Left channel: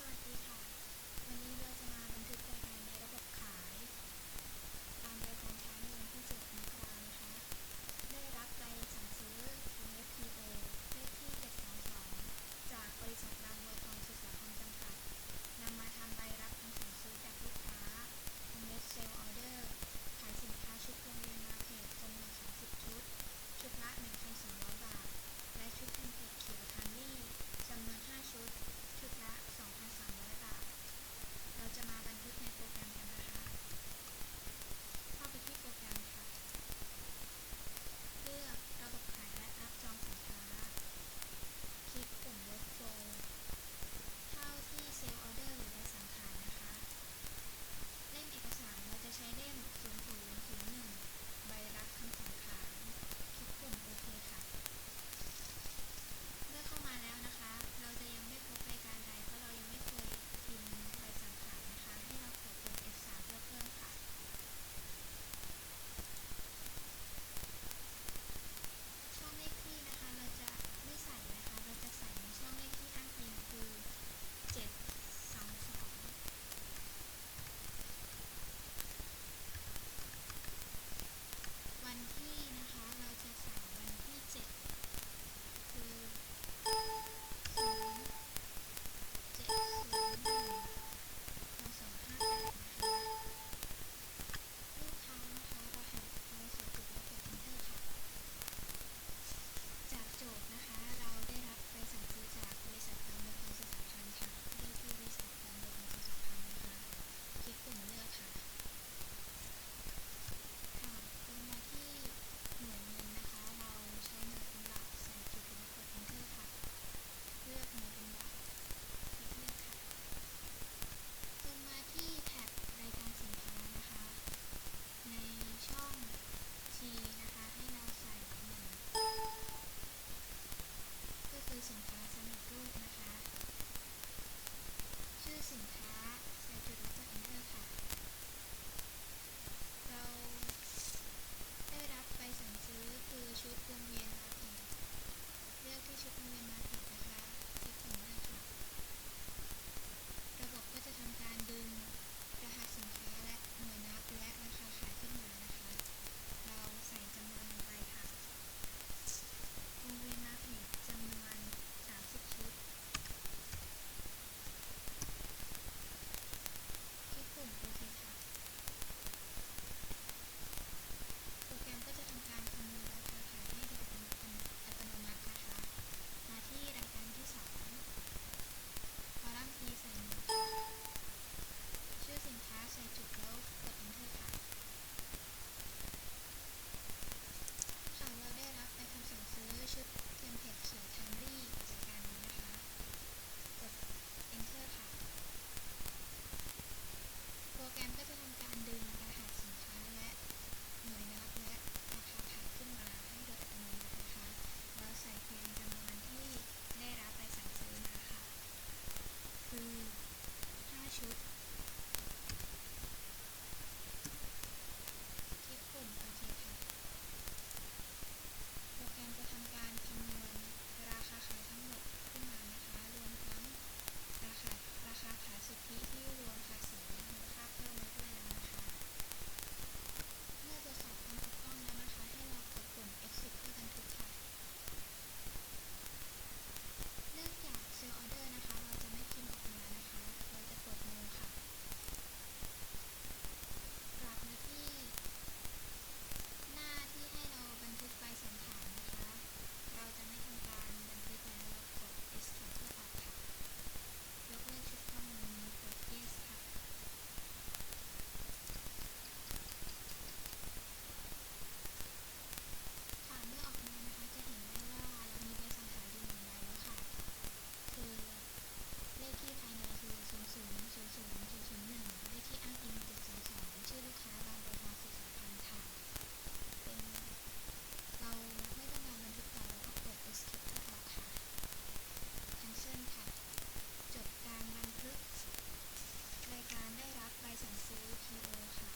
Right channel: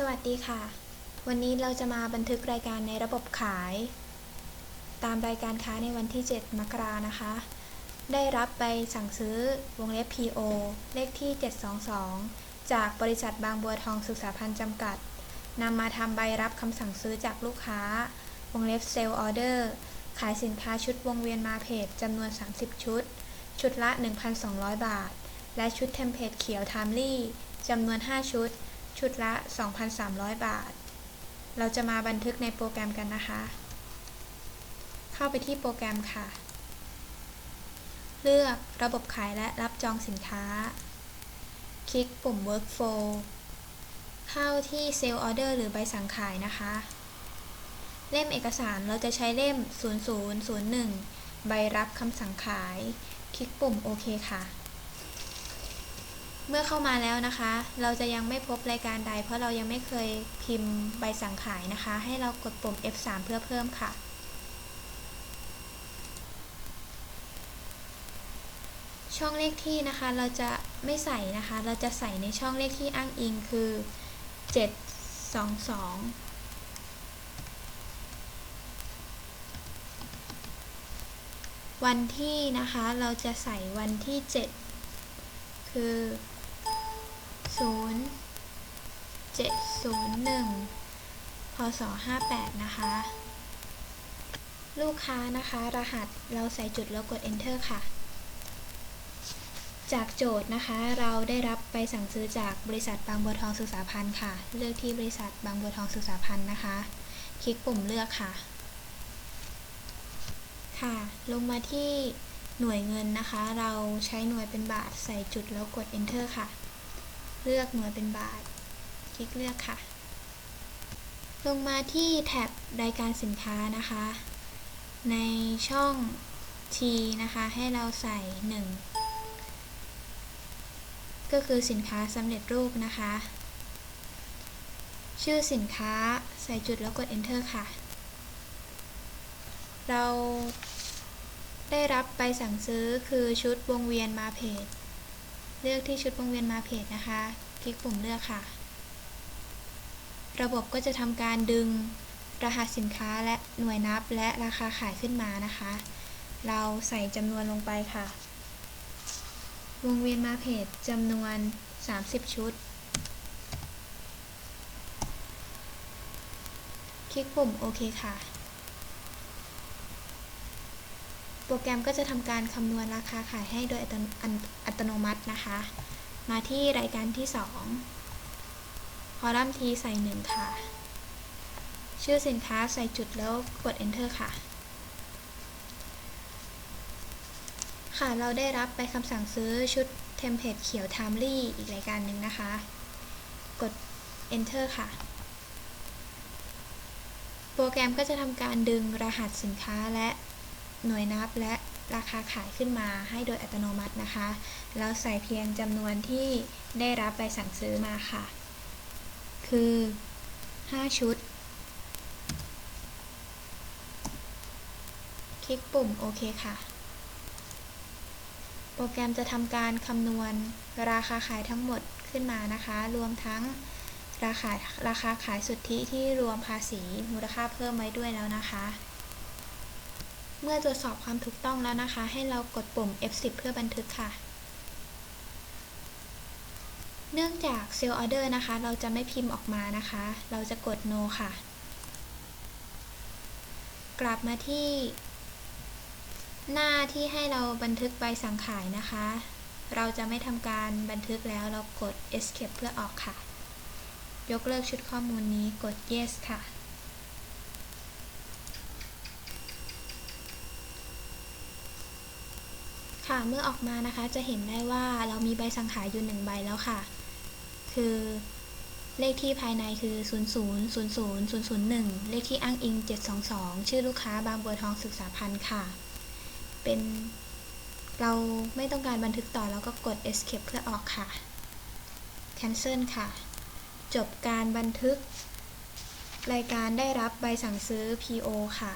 สวัสดีค่ะ วันนี้เราจะมาบันทึกรายการในระบบขาย ตามรายการค้าในวันที่ 7 มกรานะคะ ได้รับใบสั่งซื้อวงเล็บ PO เลขที่ 722 จากบริษัทบางบัวทองศึกษาพันธ์จำกัดนำมาทำใบรับคำสั่งซื้อจากลูกค้า วงเล็บเซลล์ออเดอร์ ขายสินค้าชุดวงเวียนมาเพจจำนวน 30 ชุด ชุดละ 1,200 บาท และชุดเทมเพลตเขียวไทมลี่จำนวน 5 ชุด ชุดละ 2,300 บาท เราจะมาบันทึกในโปรแกรมกันนะคะ เข้าไปที่โปรแกรมค่ะ เลือกระบบขายและรับจองสินค้า คลิกปุ่ม Workflow เข้าที่ Sale Order หรือใบสั่งขายนะคะ เล่มเอกสารเราจะใช้เล่ม 0001 ใบรับคำสั่งขาย คลิกปุ่มโอเคค่ะ เมื่อเข้ามาแล้วนะคะ เราจะยังไม่พบรายการใด เพราะเรายังไม่เคยพิมพ์ใบสั่งขายนะคะ ให้เรากดปุ่ม F3 เพื่อเพิ่มค่ะ ช่องเลขที่นะคะ เราจะไม่ใส่นะคะ เราจะใส่ในช่องเลขที่อ้างอิงคือ 722วันที่นะคะเราจะใส่วันที่ 7 คือ 0 7 0 1พศ58นะคะ ลูกค้านะคะ รหัสเราใส่จุดแล้วกด enter ค่ะ จากโจทย์นะคะ เราได้รับไปสั่งซื้อจากบริษัทบางบัวทองศึกษาพันธ์ค่ะ เลือกที่บริษัทบางบัวทองศึกษาพันธ์นะคะ คลิกปุ่มเลือกค่ะ ค่ะ ลงมาที่หน่วยเงินนะคะ เราใช้หน่วยเป็นบาทใส่จุดแล้วกด enter ค่ะ เลือกหน่วยเป็นบาท คลิกเลือกค่ะ ลงมาที่แท็บรายการสินค้านะคะ ในช่อง T นะคะ ให้เราใส่ 1 ก็คือสินค้าสำเร็จรูปนะคะ ชื่อสินค้าใส่จุดแล้วกด enter ค่ะ เราได้รับใบสั่งซื้อคือชุดวงเวียนมาเพจ เลือกที่ชุดวงเวียนมาเพจนะคะ คลิกปุ่มเลือกค่ะ ระบบก็จะทำการดึงรหัสสินค้าและหน่วยนับและราคาขายขึ้นมานะคะ เราใส่จำนวนลงไปค่ะ วงเวียนมาเพจจำนวน 30 ชุด คลิกปุ่มโอเคค่ะ โปรแกรมก็จะทำการคำนวณราคาขายให้โดยอัตโนมัตินะคะ มาที่รายการที่ 2 คอลัมน์ทีใส่ 1 ค่ะ ชื่อสินค้าใส่จุดแล้วกด enter ค่ะ ค่ะเราได้รับไปคำสั่งซื้อชุดเทมเพลตเขียว Timely อีกรายการหนึ่งนะคะ กด enter ค่ะ โปรแกรมก็จะทำการดึงรหัสสินค้าและ หน่วยนับและราคาขายขึ้นมาให้โดยอัตโนมัตินะคะ แล้วใส่เพียงจำนวนที่ได้รับใบสั่งซื้อมาค่ะ คือ 5 ชุด คลิกปุ่มโอเคค่ะ โปรแกรมจะทำการคำนวณราคาขายทั้งหมดขึ้นมานะคะ รวมทั้งราคาราคาขายสุทธิที่รวมภาษีมูลค่าเพิ่มไว้ด้วยแล้วนะคะ เมื่อตรวจสอบความถูกต้องแล้วนะคะ ให้เรากดปุ่ม F10 เพื่อบันทึกค่ะ เนื่องจาก Sale Order นะคะ เราจะไม่พิมพ์ออกมานะคะ เราจะกด No ค่ะ กลับมาที่ หน้าที่ให้เราบันทึกใบสั่งขายนะคะ เราจะไม่ทำการบันทึกแล้วเรากด Escape เพื่อออกค่ะ ยกเลิกชุดข้อมูลนี้กด Yes ค่ะ ค่ะ เมื่อออกมานะคะจะเห็นได้ว่าเรามีใบสั่งขายอยู่หนึ่งใบแล้วค่ะ คือเลขที่ภายในคือ 0 0 0 0 0 0 1 เลขที่อ้างอิง 722 ชื่อลูกค้าบางบัวทองศึกษาพันธ์ค่ะ เป็นเราไม่ต้องการบันทึกต่อแล้วก็กด escape เพื่อออกค่ะ cancel ค่ะ จบการบันทึก รายการได้รับใบสั่งซื้อ PO ค่ะ